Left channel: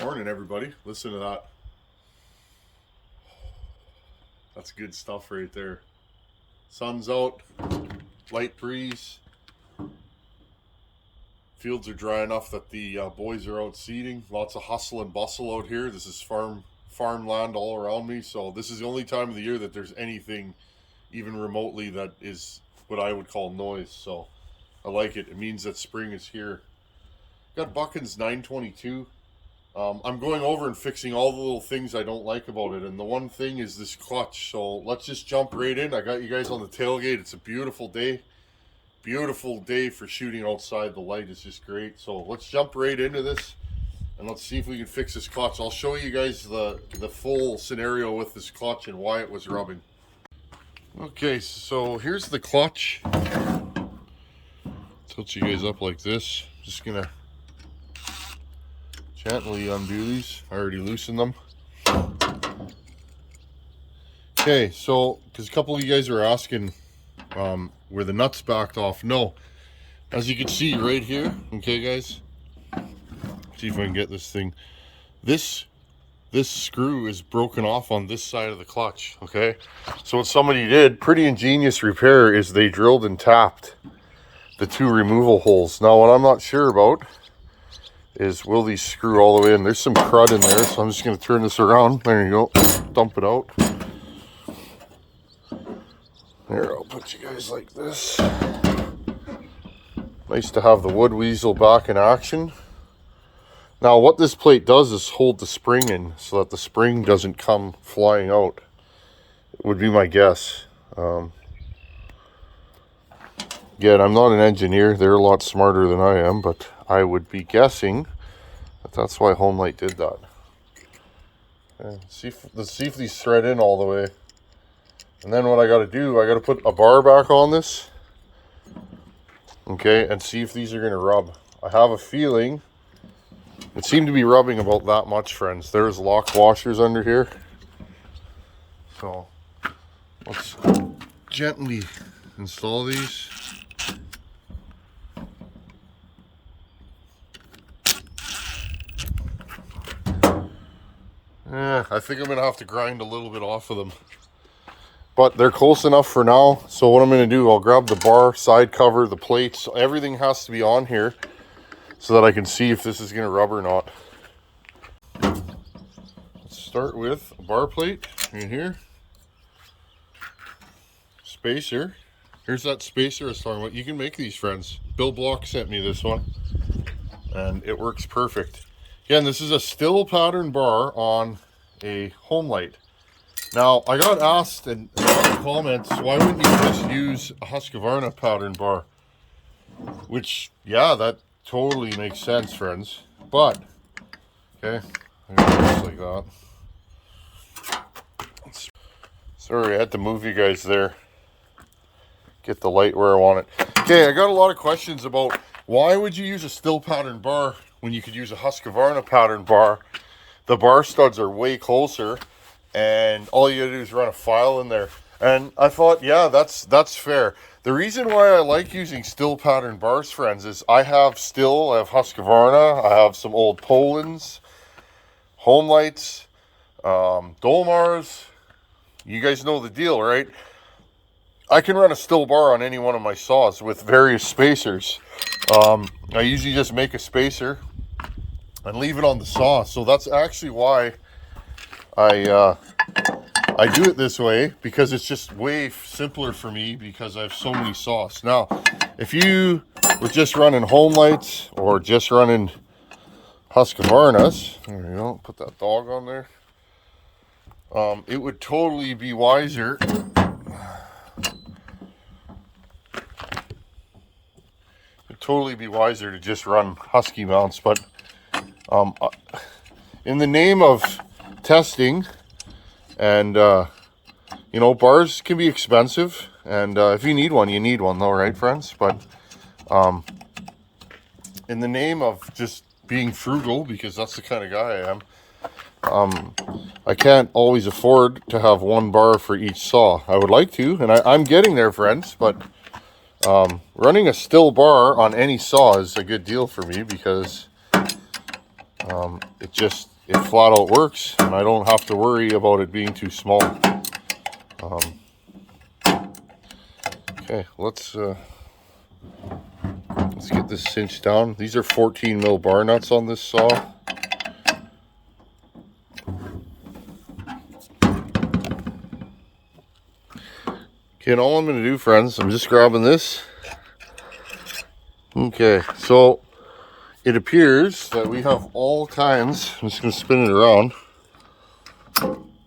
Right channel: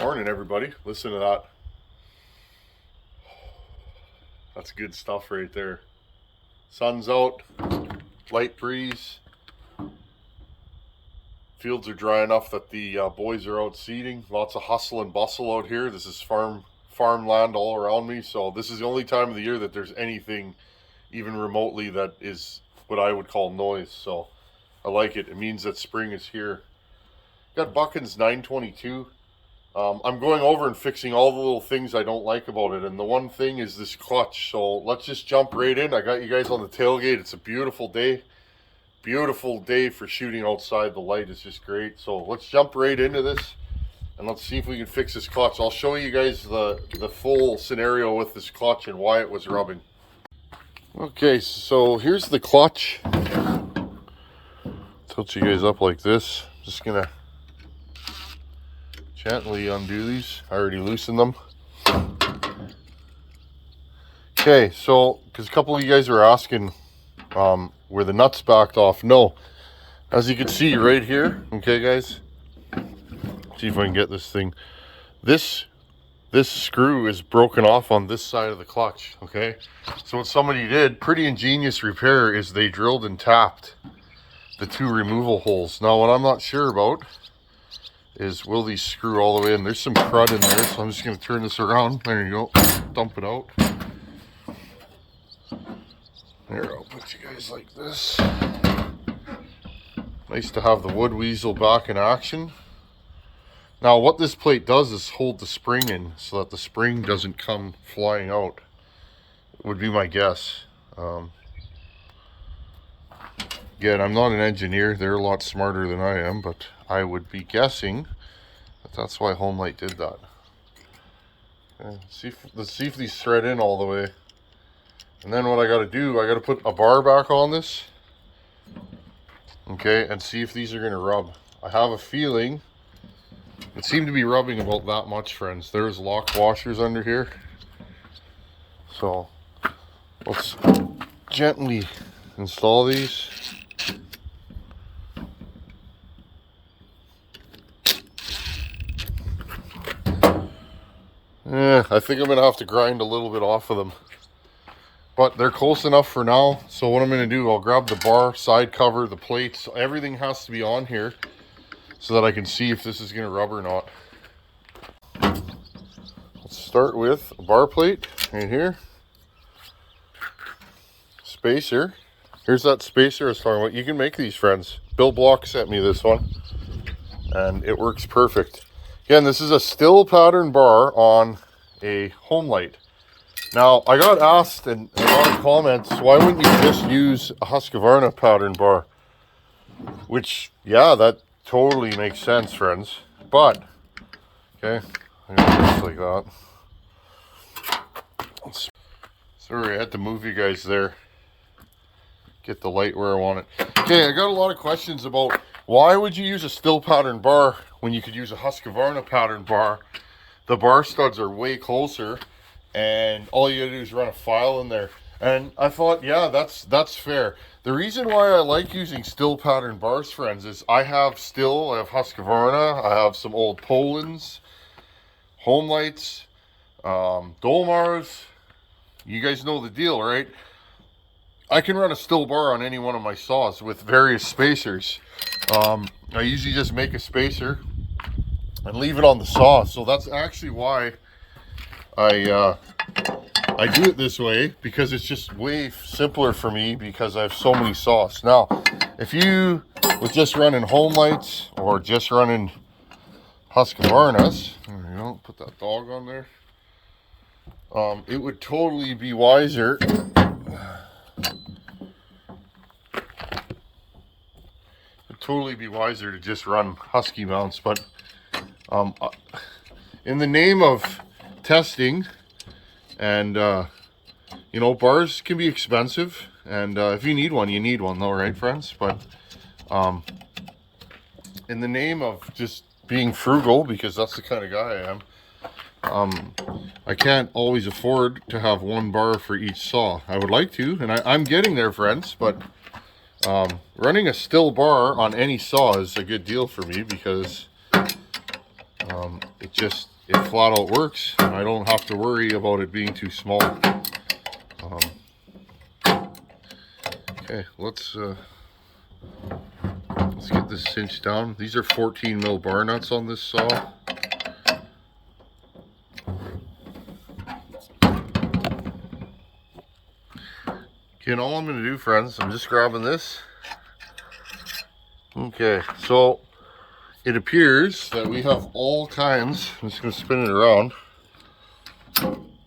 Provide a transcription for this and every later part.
Morning, everybody. Listen to that. That's good stuff right there. Sun's out, light breeze. Fields are dry enough that the boys are out seeding. Lots of hustle and bustle out here. This is farmland all around me, so this is the only time of the year that there's anything even remotely that is what I would call noise. So I like it. It means that spring is here. Got Buckins 922. I'm going over and fixing all the little things I don't like about it, and the one thing is this clutch. So let's just jump right in. I got you guys on the tailgate. It's a beautiful day. Beautiful day for shooting outside. The light is just great. So let's jump right into this, and let's see if we can fix this clutch. I'll show you guys the full scenario with this clutch and why it was rubbing. Okay, so here's the clutch. Tilt you guys up like this. Just gonna gently undo these. I already loosened them. Okay, so because a couple of you guys were asking where the nuts backed off. No, as you can see right here. Okay, guys, see if I can get this thing. This screw is broken off on this side of the clutch. Okay, so what somebody did, pretty ingenious repair, is they drilled and tapped the two removal holes. Now, what I'm not sure about is, will these screw all the way in? There's some crud in there, so I'm just going to turn this around. There you go. Dump it out. Here, I'll put you guys like this. Nice to have the wood weasel back in action. Now, what this plate does is hold the spring in so that the spring doesn't come flying out. It would be my guess. Again, I'm not an engineer. They're a lot smarter than I am, but I would be guessing that that's why Homelite did that. Okay, let's see if these thread in all the way. And then what I got to do, I got to put a bar back on this. Okay, and see if these are going to rub. I have a feeling it seemed to be rubbing about that much, friends. There's lock washers under here. So let's gently install these. Yeah, I think I'm going to have to grind a little bit off of them. But they're close enough for now. So what I'm going to do, I'll grab the bar, side cover, the plates. Everything has to be on here so that I can see if this is going to rub or not. Let's start with a bar plate right here. Spacer. Here's that spacer I was talking about. You can make these, friends. Bill Block sent me this one, and it works perfect. Again, this is a still pattern bar on a Homelite. Now, I got asked in a lot of comments, why wouldn't you just use a Husqvarna pattern bar? Which, yeah, that totally makes sense, friends. But, okay, I'm gonna do this like that. Sorry, I had to move you guys there. Get the light where I want it. Okay, I got a lot of questions about why would you use a still pattern bar when you could use a Husqvarna pattern bar. The bar studs are way closer, and all you gotta do is run a file in there. And I thought, yeah, that's fair. The reason why I like using still pattern bars, friends, is I have Husqvarna, I have some old Polands, Homelites, Dolmars. You guys know the deal, right? I can run a still bar on any one of my saws with various spacers. I usually just make a spacer and leave it on the saw. So that's actually why I do it this way, because it's just way simpler for me because I have so many saws. Now, if you were just running Homelites or just running Husqvarnas, there you go, put that dog on there. It would totally be wiser. To just run Husky mounts, but in the name of testing, and you know, bars can be expensive, and if you need one, you need one though, right, friends? But in the name of just being frugal, because that's the kind of guy I am, I can't always afford to have one bar for each saw. I would like to, and I'm getting there, friends, but running a still bar on any saw is a good deal for me, because it just it flat out works, and I don't have to worry about it being too small. Okay, let's get this cinched down. These are 14 mil bar nuts on this saw. Okay, and all I'm going to do, friends, I'm just grabbing this. Okay, so it appears that we have all kinds, I'm just going to spin it around,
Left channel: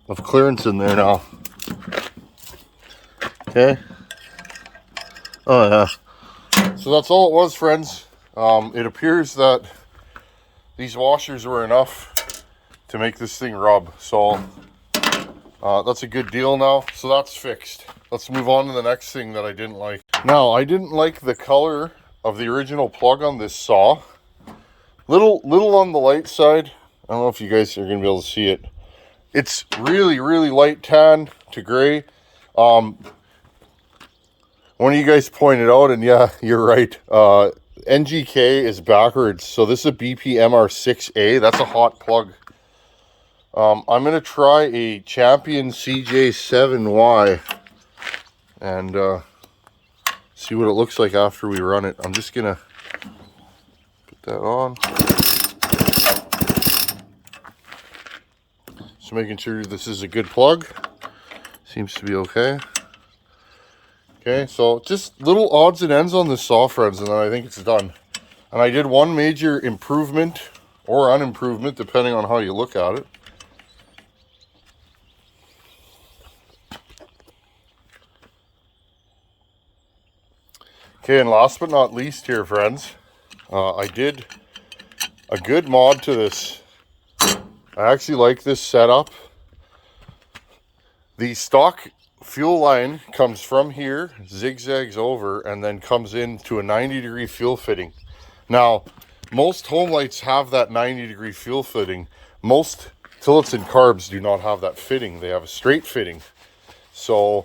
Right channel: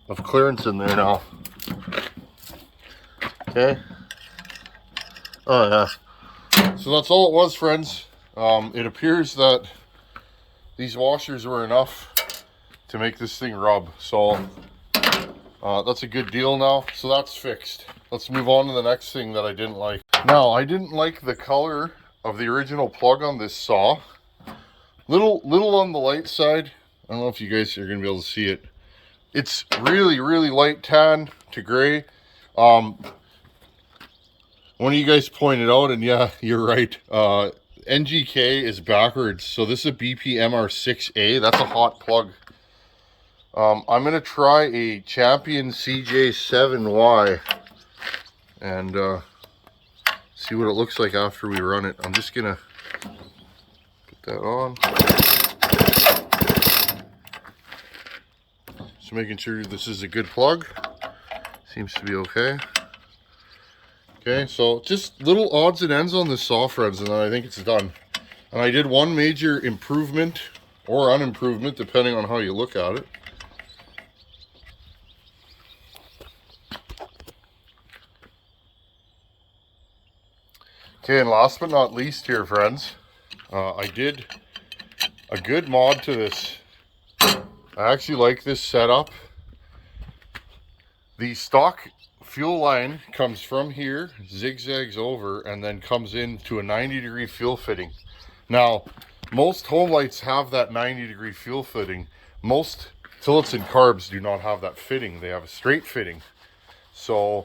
of clearance in there now. Okay. Oh yeah. So that's all it was, friends. It appears that these washers were enough to make this thing rub. So that's a good deal now. So that's fixed. Let's move on to the next thing that I didn't like. Now, I didn't like the color of the original plug on this saw. Little on the light side. I don't know if you guys are going to be able to see it. It's really, really light tan to gray. One of you guys pointed out, and yeah, you're right. NGK is backwards. So this is a BP MR6A. That's a hot plug. I'm going to try a Champion CJ7Y and see what it looks like after we run it. I'm just going to put that on. Just making sure this is a good plug. Seems to be okay. Okay, so just little odds and ends on this saw, friends, and then I think it's done. And I did one major improvement or unimprovement, depending on how you look at it. Okay, and last but not least here, friends, I did a good mod to this. I actually like this setup. The stock fuel line comes from here, zigzags over, and then comes into a 90-degree fuel fitting. Now, most Homelites have that 90-degree fuel fitting. Most Tillotson and carbs do not have that fitting. They have a straight fitting. So,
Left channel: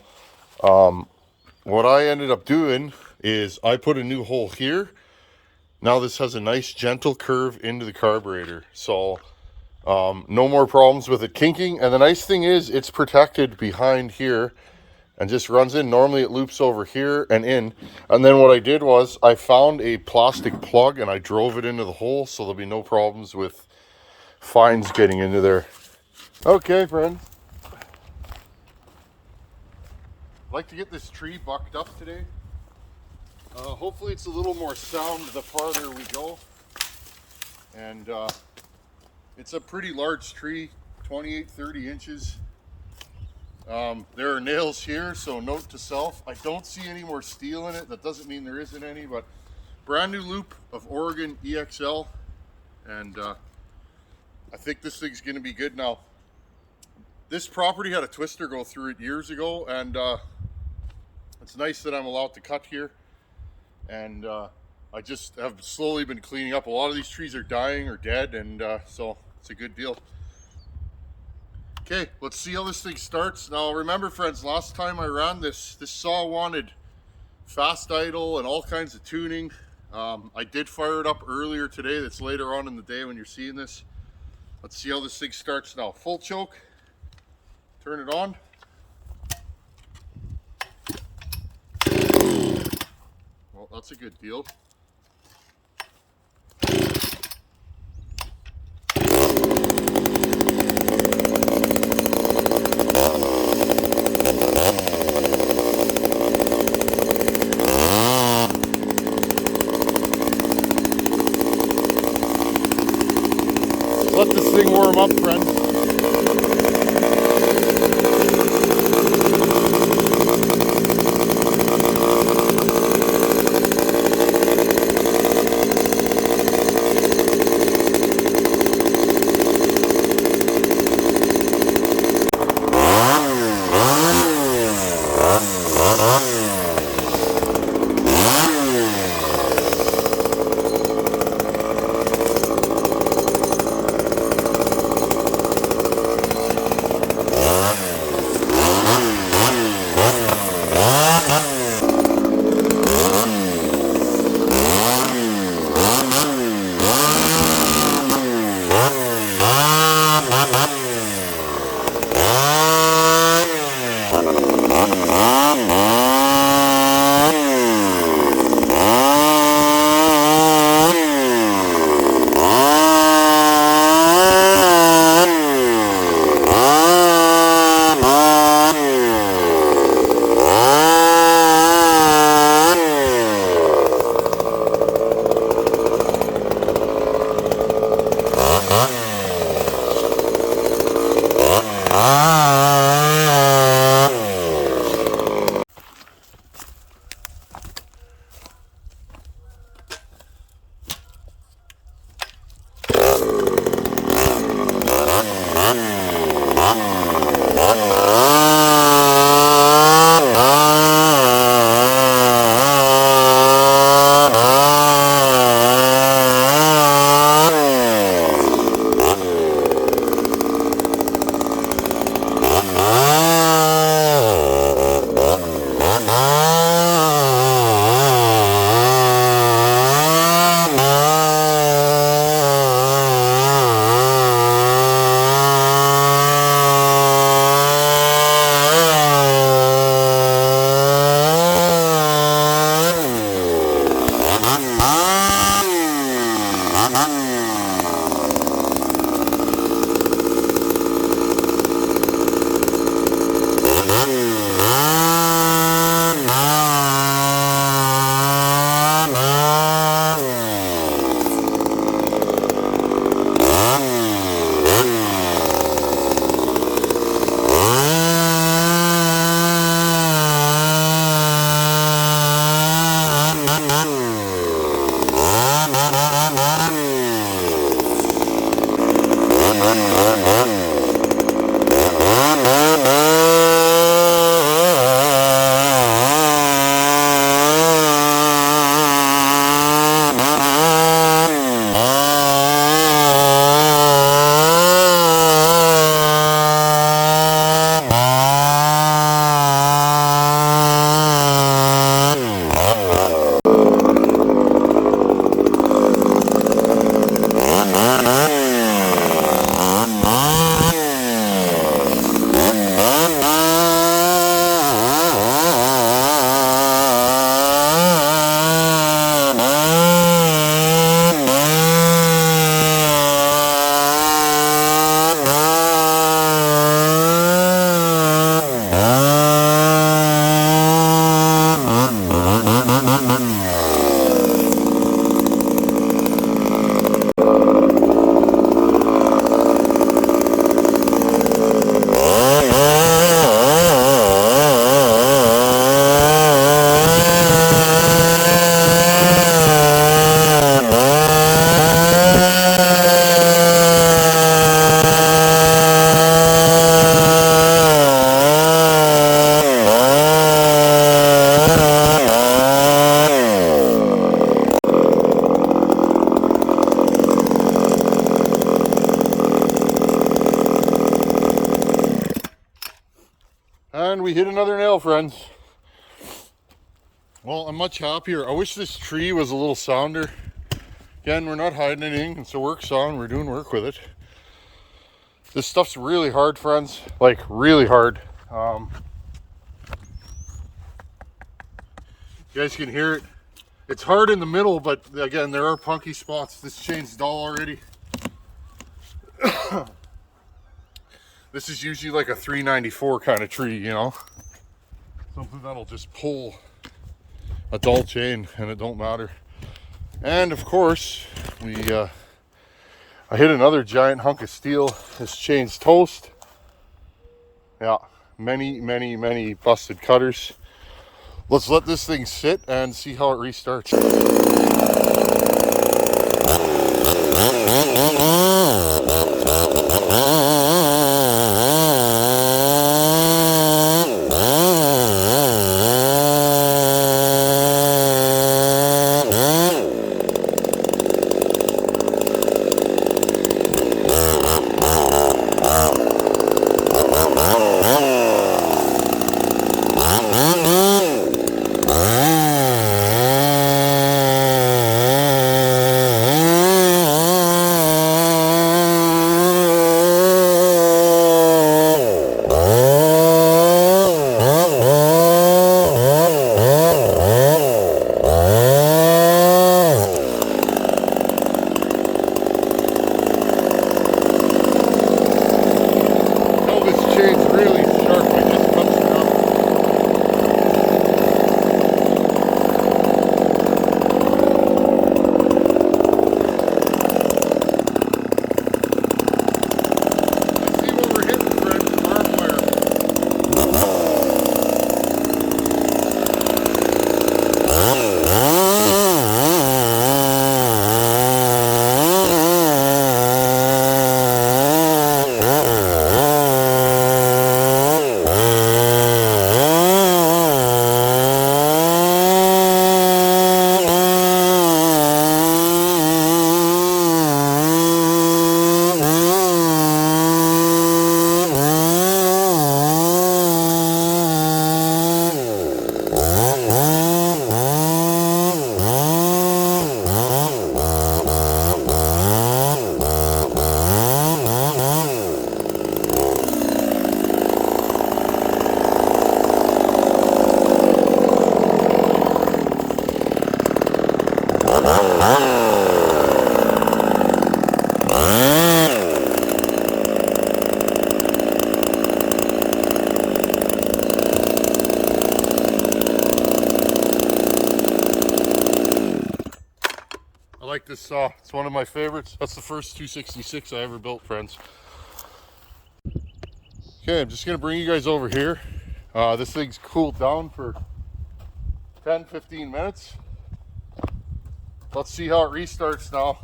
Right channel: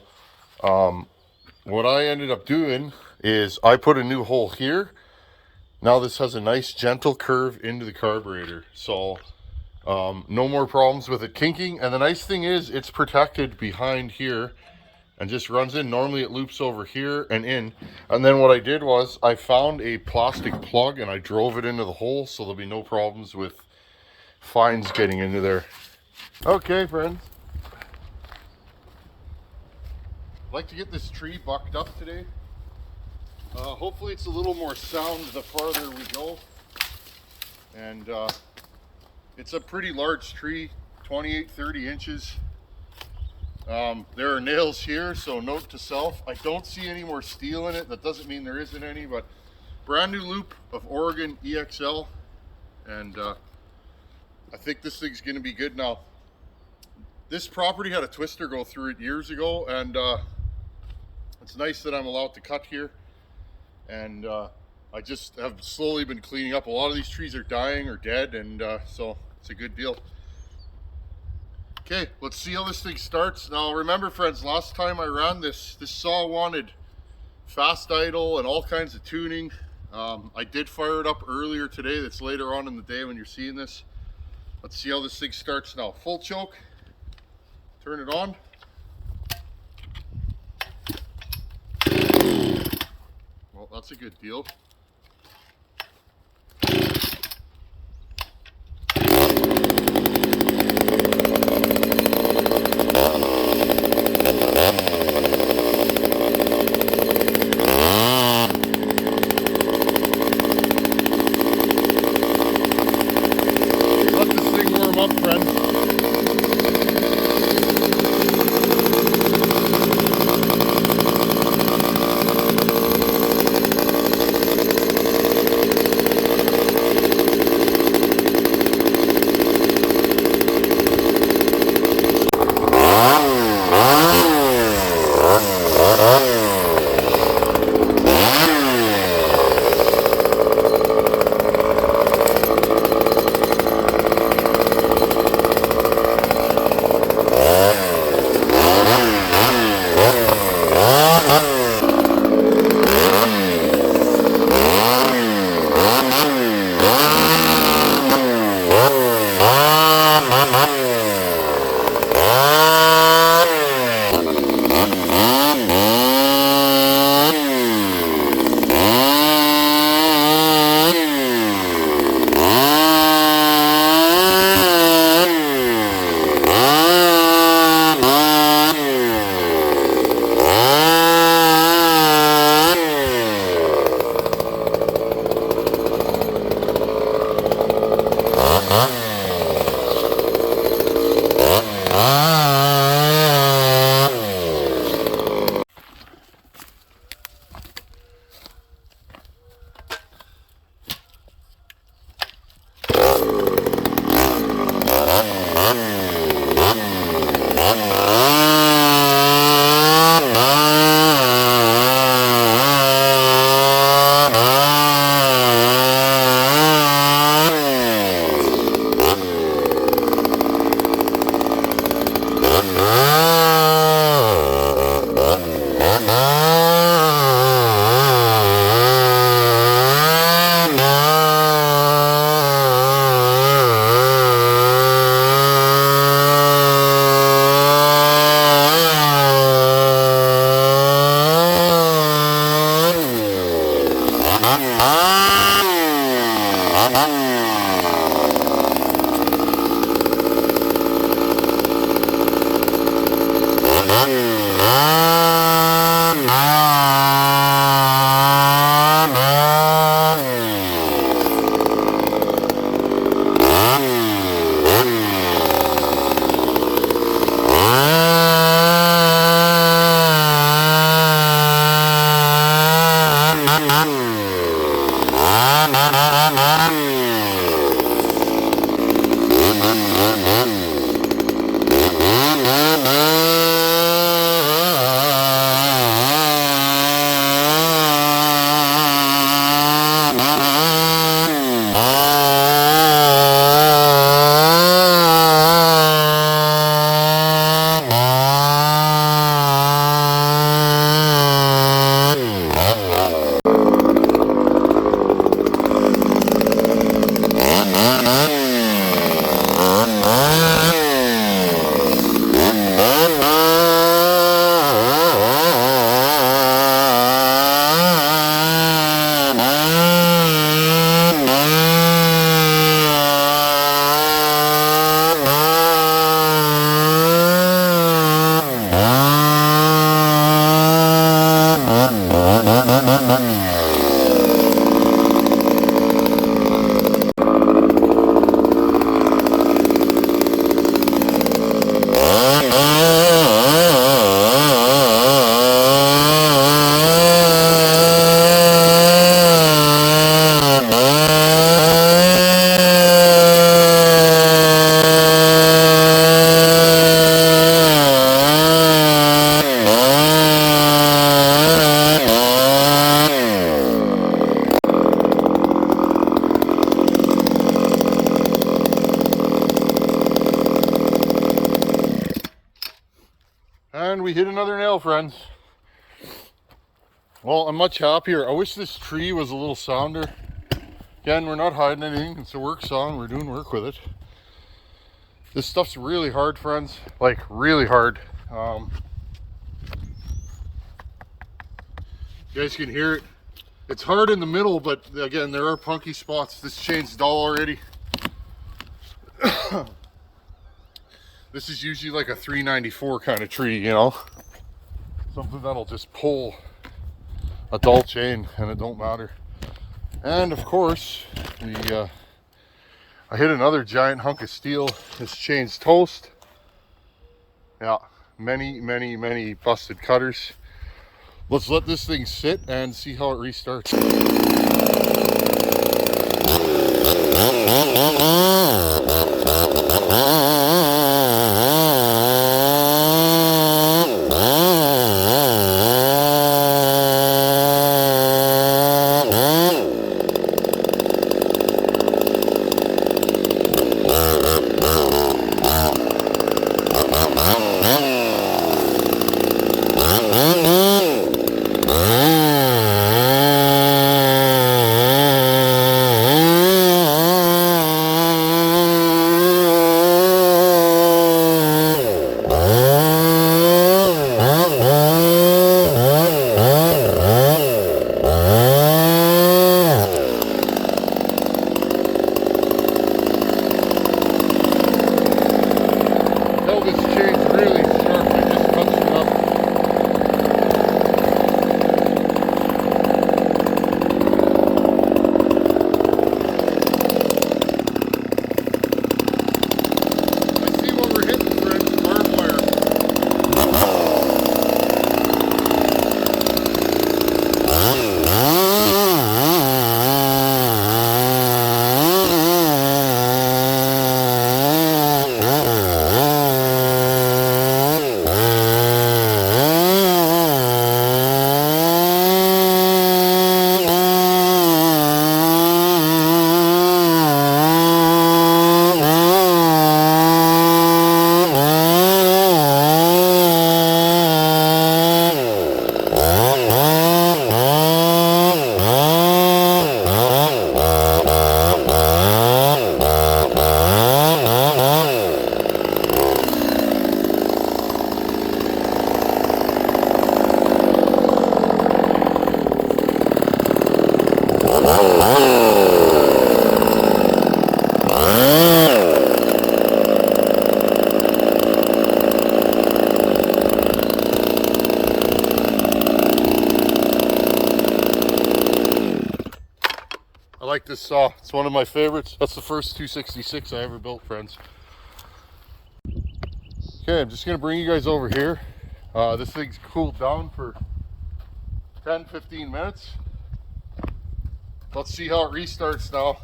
what I ended up doing is I put a new hole here. Now this has a nice gentle curve into the carburetor. So, no more problems with it kinking. And the nice thing is it's protected behind here and just runs in. Normally it loops over here and in. And then what I did was I found a plastic plug and I drove it into the hole, so there'll be no problems with fines getting into there. Okay, friends. I'd like to get this tree bucked up today. Hopefully it's a little more sound the farther we go. And it's a pretty large tree, 28-30 inches. There are nails here, so note to self, I don't see any more steel in it. That doesn't mean there isn't any, but brand new loop of Oregon EXL, and I think this thing's going to be good now. This property had a twister go through it years ago, and it's nice that I'm allowed to cut here, and I just have slowly been cleaning up. A lot of these trees are dying or dead, and so it's a good deal. Okay, let's see how this thing starts. Now remember, friends, last time I ran this saw wanted fast idle and all kinds of tuning. I did fire it up earlier today. That's later on in the day when you're seeing this. Let's see how this thing starts now. Full choke, turn it on. Well, that's a good deal. Up, friends. And we hit another nail, friends. Well, I'm much happier. I wish this tree was a little sounder. Again, we're not hiding anything. It's a work saw and we're doing work with it. This stuff's really hard, friends. Like, really hard. You guys can hear it. It's hard in the middle, but again, there are punky spots. This chain's dull already. This is usually like a 394 kind of tree, you know? Something that'll just pull a dull chain and it don't matter. And of course, I hit another giant hunk of steel. This chain's toast. Yeah, many busted cutters. Let's let this thing sit and see how it restarts. This chain's really sharp. I just punched it up. this saw. It's one of my favorites. That's the first 266 I ever built, friends. Okay, I'm just gonna bring you guys over here. This thing's cooled down for 10-15 minutes. Let's see how it restarts now.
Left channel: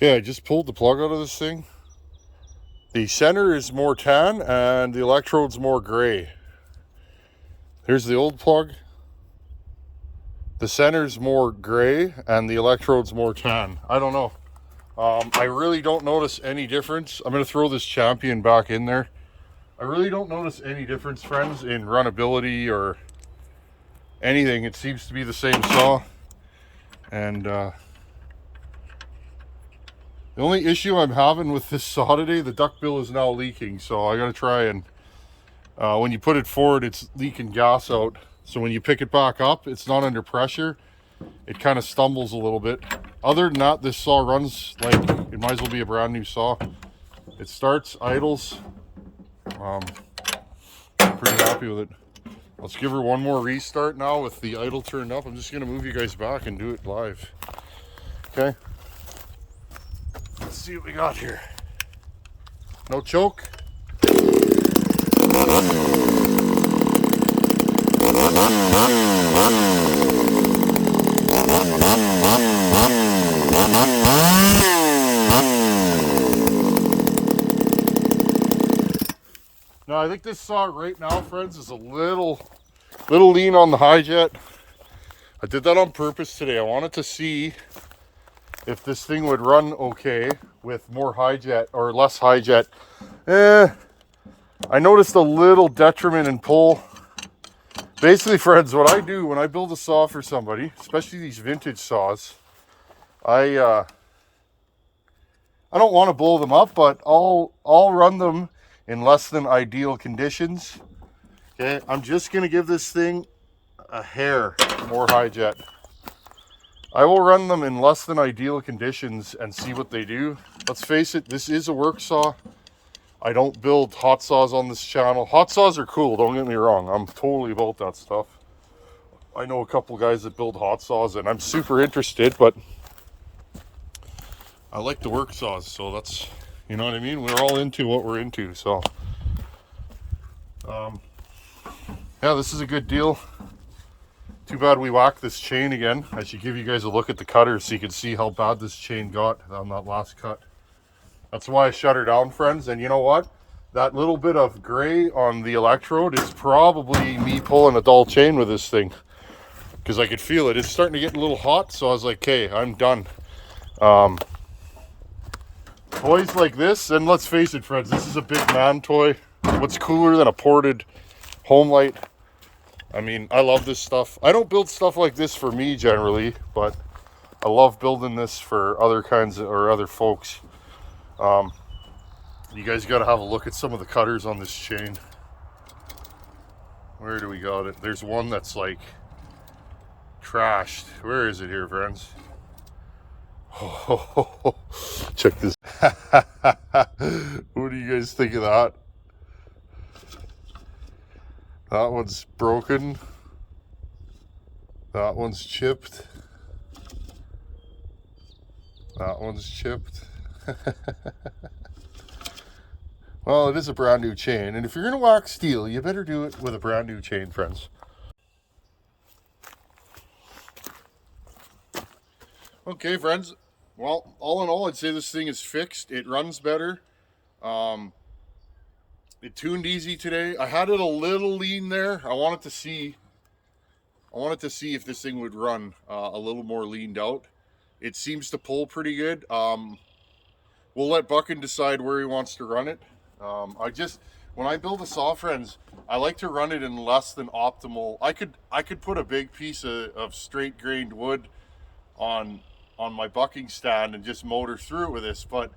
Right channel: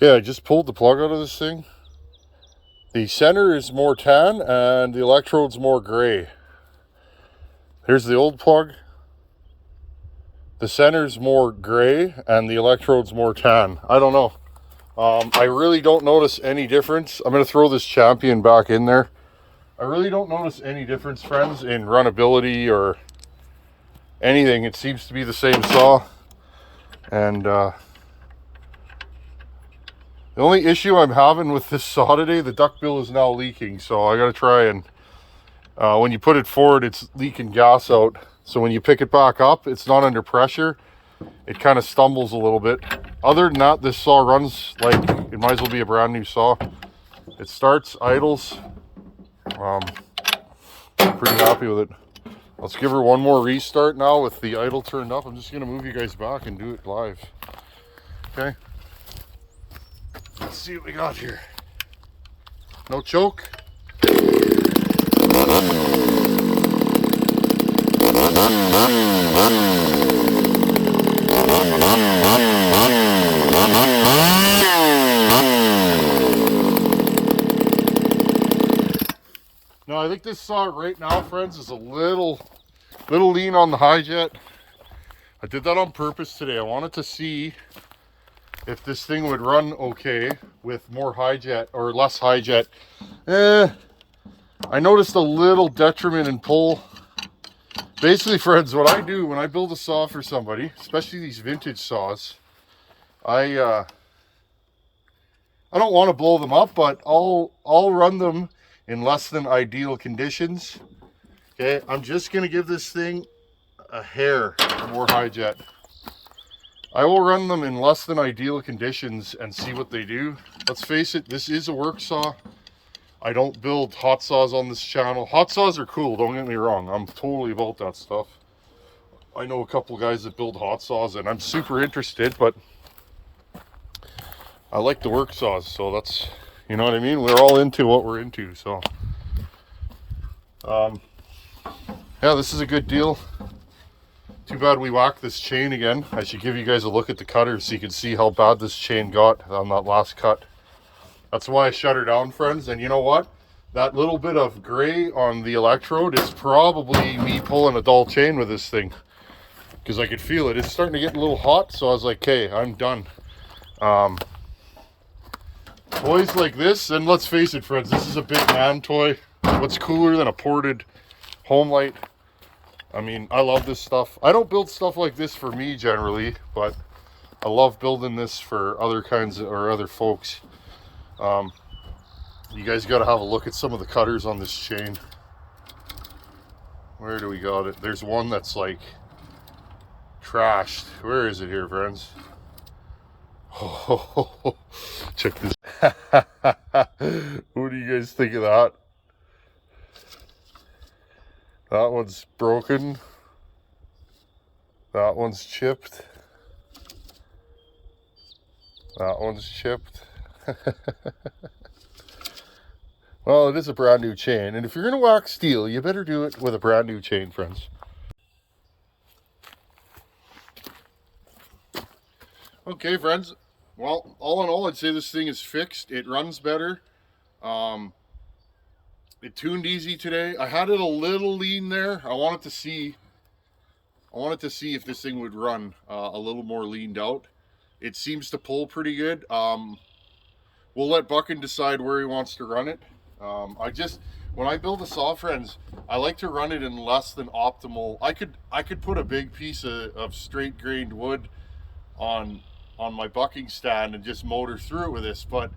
Okay, I just pulled the plug out of this thing. The center is more tan and the electrode's more gray. Here's the old plug. The center's more gray and the electrode's more tan. I don't know. I really don't notice any difference. I'm going to throw this Champion back in there. I really don't notice any difference, friends, in runnability or anything. It seems to be the same saw. And the only issue I'm having with this saw today, the duckbill is now leaking. So I got to try and, when you put it forward, it's leaking gas out. So when you pick it back up, it's not under pressure. It kind of stumbles a little bit. Other than that, this saw runs like it might as well be a brand new saw. It starts, idles. Pretty happy with it. Let's give her one more restart now with the idle turned up. I'm just going to move you guys back and do it live. Okay. Let's see what we got here. No choke. Now I think this saw right now, friends, is a little lean on the high jet. I did that on purpose today. I wanted to see if this thing would run okay with more high jet or less high jet. I noticed a little detriment in pull. Basically, friends, what I do when I build a saw for somebody, especially these vintage saws, I don't want to blow them up, but I'll run them in less than ideal conditions. Okay, I'm just gonna give this thing a hair more high jet. I will run them in less than ideal conditions and see what they do. Let's face it, this is a work saw. I don't build hot saws on this channel. Hot saws are cool, don't get me wrong. I'm totally about that stuff. I know a couple guys that build hot saws and I'm super interested, but I like the work saws, so that's, you know what I mean? We're all into what we're into, so. Yeah, this is a good deal. Too bad we whacked this chain again. I should give you guys a look at the cutter so you can see how bad this chain got on that last cut. That's why I shut her down, friends. And you know what? That little bit of gray on the electrode is probably me pulling a dull chain with this thing. Because I could feel it. It's starting to get a little hot, so I was like, okay, I'm done. Toys like this, and let's face it, friends, this is a big man toy. What's cooler than a ported Homelite? I mean, I love this stuff. I don't build stuff like this for me generally, but I love building this for other kinds of, or other folks. You guys got to have a look at some of the cutters on this chain. Where do we got it? There's one that's like trashed. Where is it here, friends? Oh, check this. What do you guys think of that? That one's broken. That one's chipped. That one's chipped. Well, it is a brand new chain, and if you're going to wax steel, you better do it with a brand new chain, friends. Okay, friends. Well, all in all, I'd say this thing is fixed. It runs better. It tuned easy today. I had it a little lean there. I wanted to see if this thing would run a little more leaned out. It seems to pull pretty good. We'll let Buckin decide where he wants to run it. When I build a saw, friends, I like to run it in less than optimal. I could put a big piece of straight grained wood on my bucking stand and just motor through it with this, but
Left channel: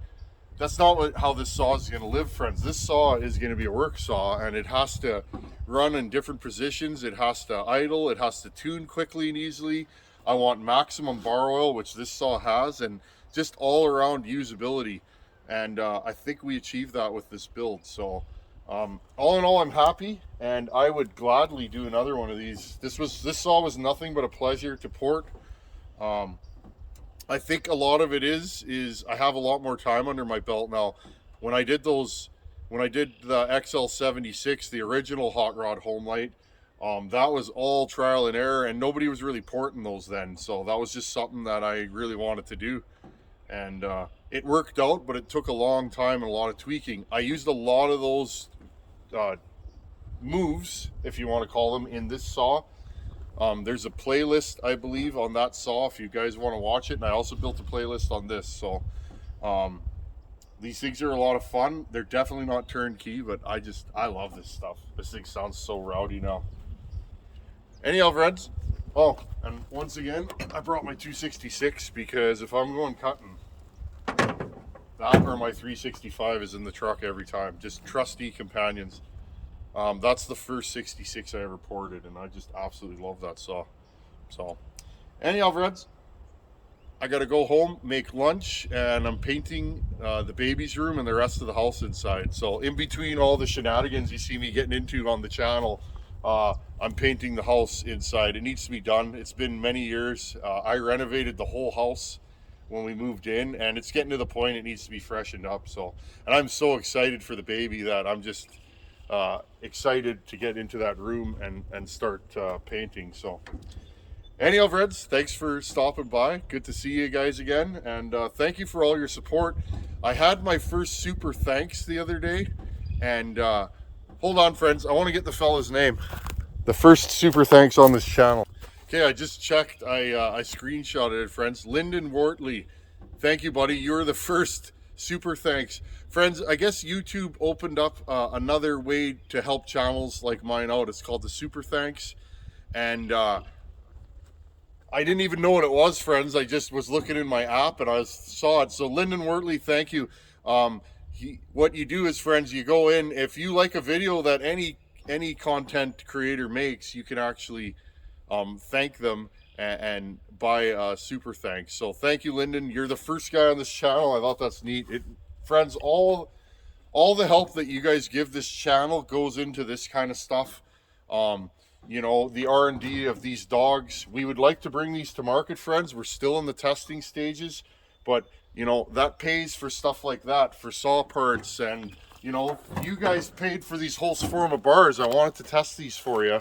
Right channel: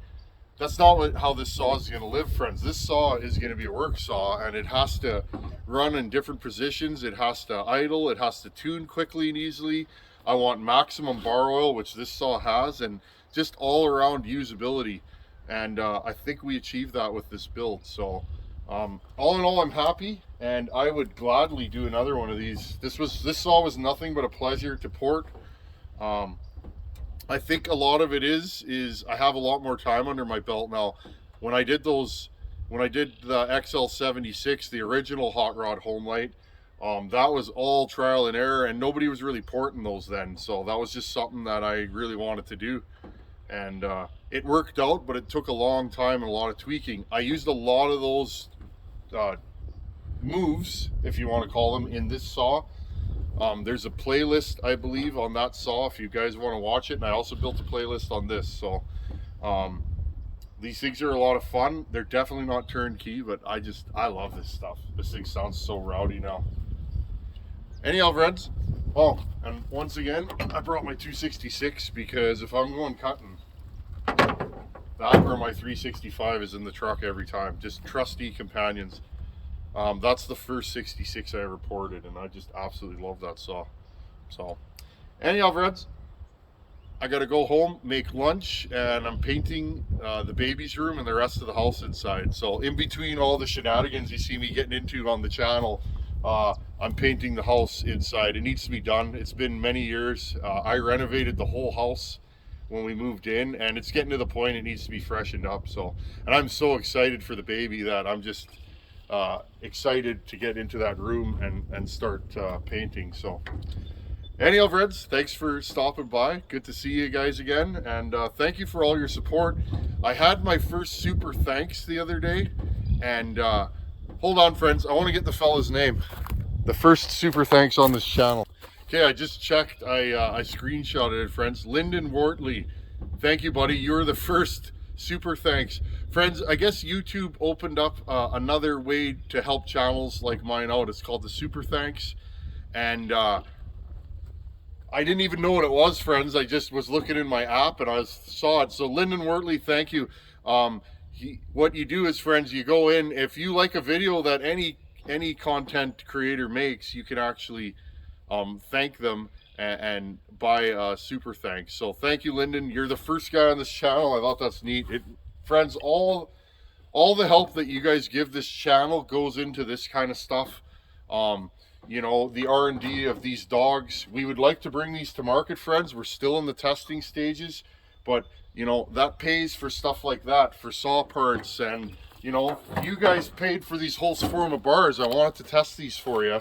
that's not how this saw is going to live, friends. This saw is going to be a work saw, and it has to run in different positions. It has to idle. It has to tune quickly and easily. I want maximum bar oil, which this saw has, and just all around usability. And I think we achieved that with this build. So all in all, I'm happy, and I would gladly do another one of these. This saw was nothing but a pleasure to port. I think a lot of it is I have a lot more time under my belt now. When I did the XL76, the original hot rod Homelite, that was all trial and error, and nobody was really porting those then. So that was just something that I really wanted to do. And it worked out, but it took a long time and a lot of tweaking. I used a lot of those moves, if you want to call them, in this saw. There's a playlist, I believe, on that saw if you guys want to watch it, and I also built a playlist on this. So these things are a lot of fun. They're definitely not turnkey, but I love this stuff. This thing sounds so rowdy now. Anyhow, friends, oh, and once again, I brought my 266 because if I'm going cutting, that or my 365 is in the truck every time. Just trusty companions. That's the first 66 I ever ported, and I just absolutely love that saw. So anyhow, friends, I gotta go home, make lunch, and I'm painting the baby's room and the rest of the house inside. So in between all the shenanigans you see me getting into on the channel, I'm painting the house inside. It needs to be done. It's been many years. I renovated the whole house when we moved in, and it's getting to the point it needs to be freshened up. So, and I'm so excited for the baby that I'm just excited to get into that room and start painting. So anyhow, friends, thanks for stopping by. Good to see you guys again, and thank you for all your support. I had my first super thanks the other day, and hold on, friends, I want to get the fella's name. The first super thanks on this channel. Okay, I just checked. I screenshotted it, friends. Lyndon Wortley, thank you, buddy. You're the first super thanks. Friends, I guess YouTube opened up another way to help channels like mine out. It's called the super thanks, and I didn't even know what it was, friends. I just was looking in my app and I saw it. So Lyndon Wortley, thank you. What you do is, friends, you go in. If you like a video that any content creator makes, you can actually thank them and buy a super thanks. So thank you, Lyndon. You're the first guy on this channel. I thought that's neat. Friends, all the help that you guys give this channel goes into this kind of stuff. You know, the R&D of these dogs. We would like to bring these to market, friends. We're still in the testing stages, but you know, that pays for stuff like that, for saw parts, and you know, you guys paid for these whole swarm of bars. I wanted to test these for you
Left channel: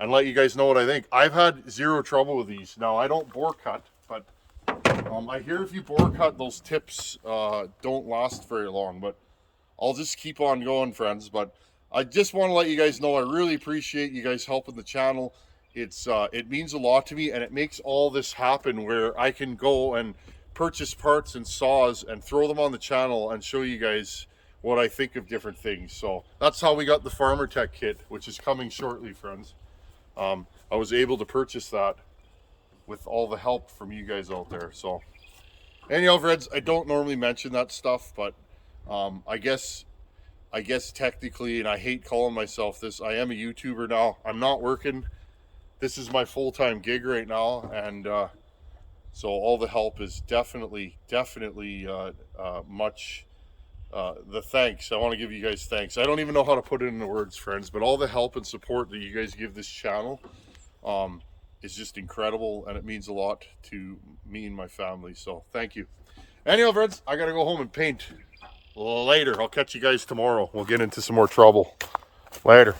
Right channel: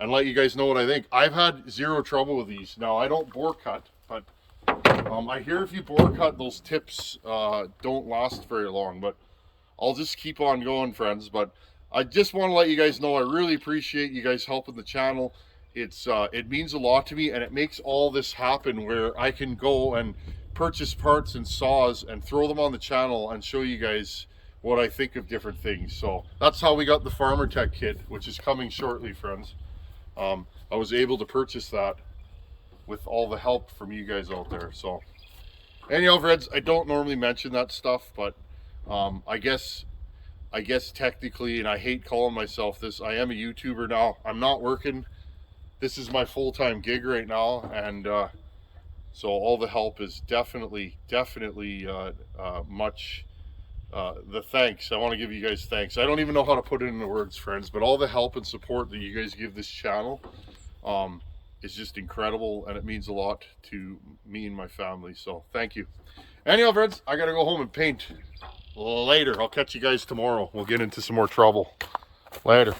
and let you guys know what I think. I've had zero trouble with these. Now, I don't bore cut, but I hear if you bore cut, those tips don't last very long, but I'll just keep on going, friends. But I just want to let you guys know I really appreciate you guys helping the channel. It means a lot to me, and it makes all this happen where I can go and purchase parts and saws and throw them on the channel and show you guys what I think of different things. So that's how we got the Farmer Tech kit, which is coming shortly, friends. I was able to purchase that with all the help from you guys out there. So anyhow, friends, I don't normally mention that stuff, but I guess technically, and I hate calling myself this, I am a YouTuber now. I'm not working. This is my full-time gig right now, and so all the help is definitely much the thanks. I want to give you guys thanks. I don't even know how to put it into words, friends, but all the help and support that you guys give this channel is just incredible, and it means a lot to me and my family. So thank you. Anyhow, friends, I gotta go home and paint. Later. I'll catch you guys tomorrow. We'll get into some more trouble. Later.